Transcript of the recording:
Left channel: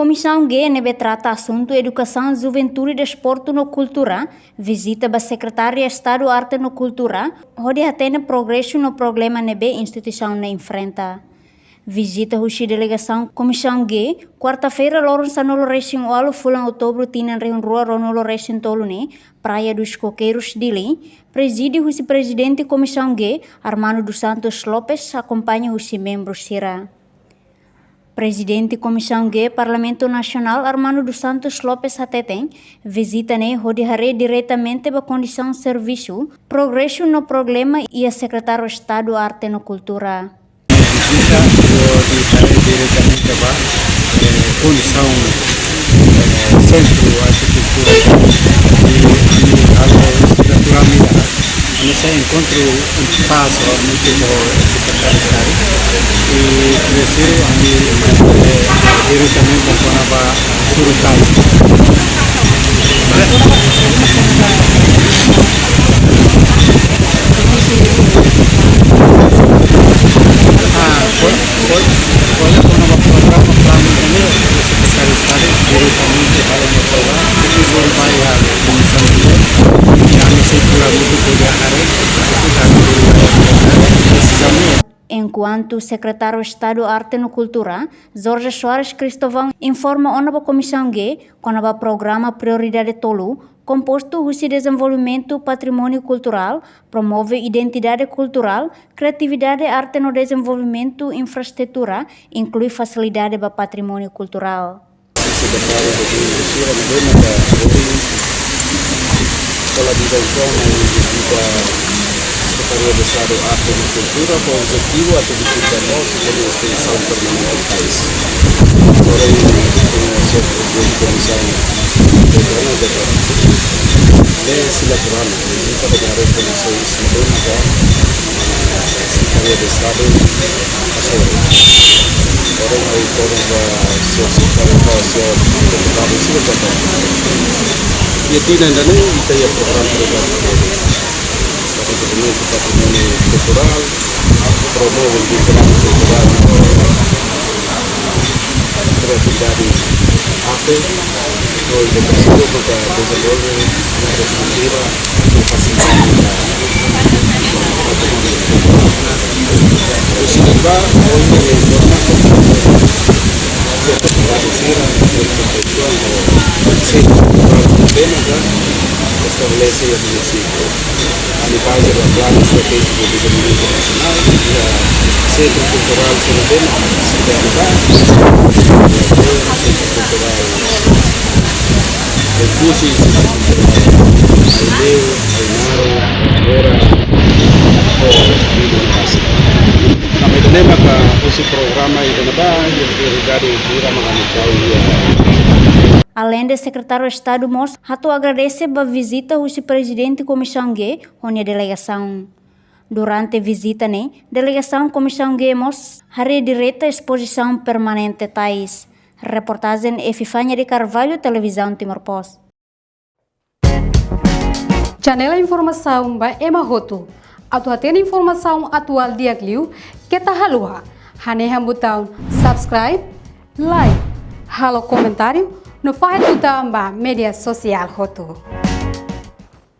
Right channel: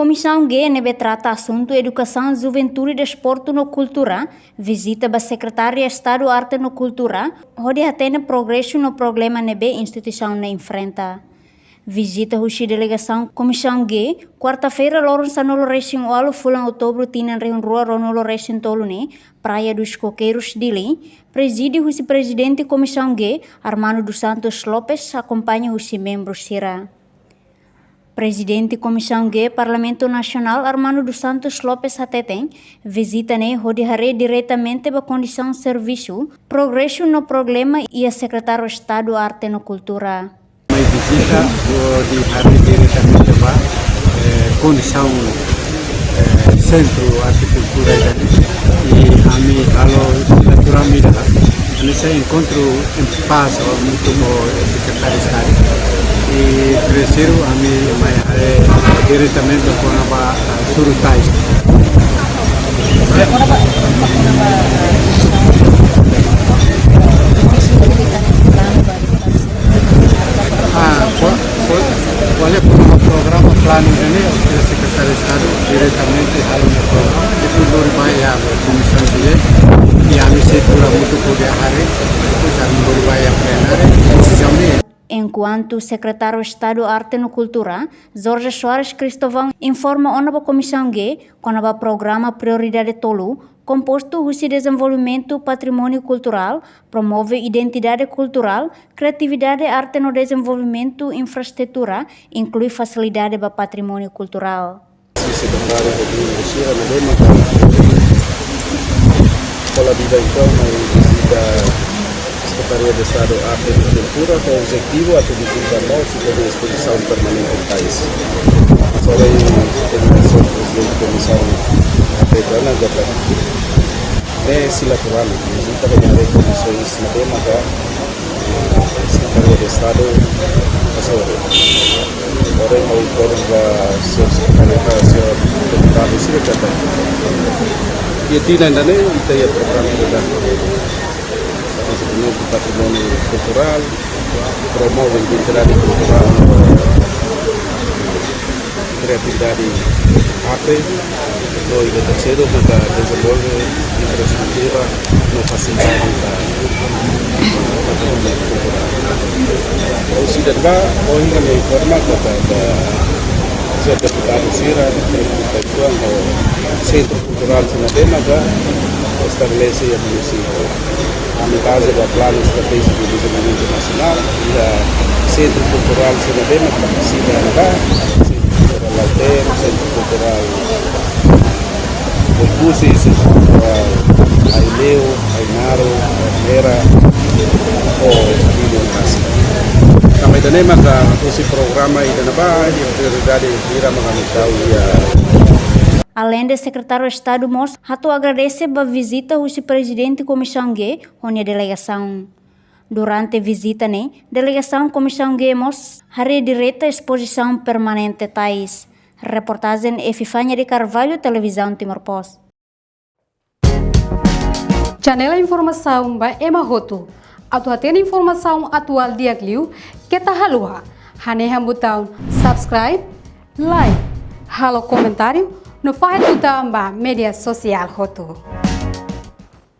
Comissão G nebe trata assunto educação, juventude, desporto no cultura, visita ba secretária Estado Arte no Cultura, onde atende progresso no problema nebe instituição na enfrenta. Visita a delegação Comissão G, quarta-feira, Lawrence Sanolo Racing Walo, fulan outubro, tinan reun rua Ronolo Racing Tolune, Praia dos Coqueiros Dili, preside o presidente Comissão G, Armando dos Santos Lopes, acompanha os membros Sira. Presidente Comissão G, Parlamento Nacional, Armando dos Santos Lopes Hateteng, visita onde haré diretamente a condição de serviço, progresso no problema e a secretário de Estado Arte no Cultura. Condição sempre nesse encontro um passo no temor e nesse diretamente com a solução. Enquanto o secretário de Estado Arte no Cultura, Jorge Soares Cristóvão, informa a Comissão G, com o programa Prioridade Tolu, composto o desenvolvimento patrimônio cultural, promove identidade cultural, criatividade arte no desenvolvimento, infraestrutura, inclui facilidade para patrimônio cultural. Objetivo a estabelece o município na base da plano estratégico de desenvolvimento nacional para ser cultural Além de secretário de Estado Mos, Rato agradece a visita ao presidente Comissão G, onde a delegação. Durante a visita, delegação Comissão G Mos, haré direta exposição permanente tais. Reportagem Efifânia de Carvalho, Televisão Timor-Poste. Janela Informação by Emma Roto. Atuatena informação atual dia Gliu, que tá halua. Haneha botão subscribe, like, halo comentário, no faz botão ba media social Roto.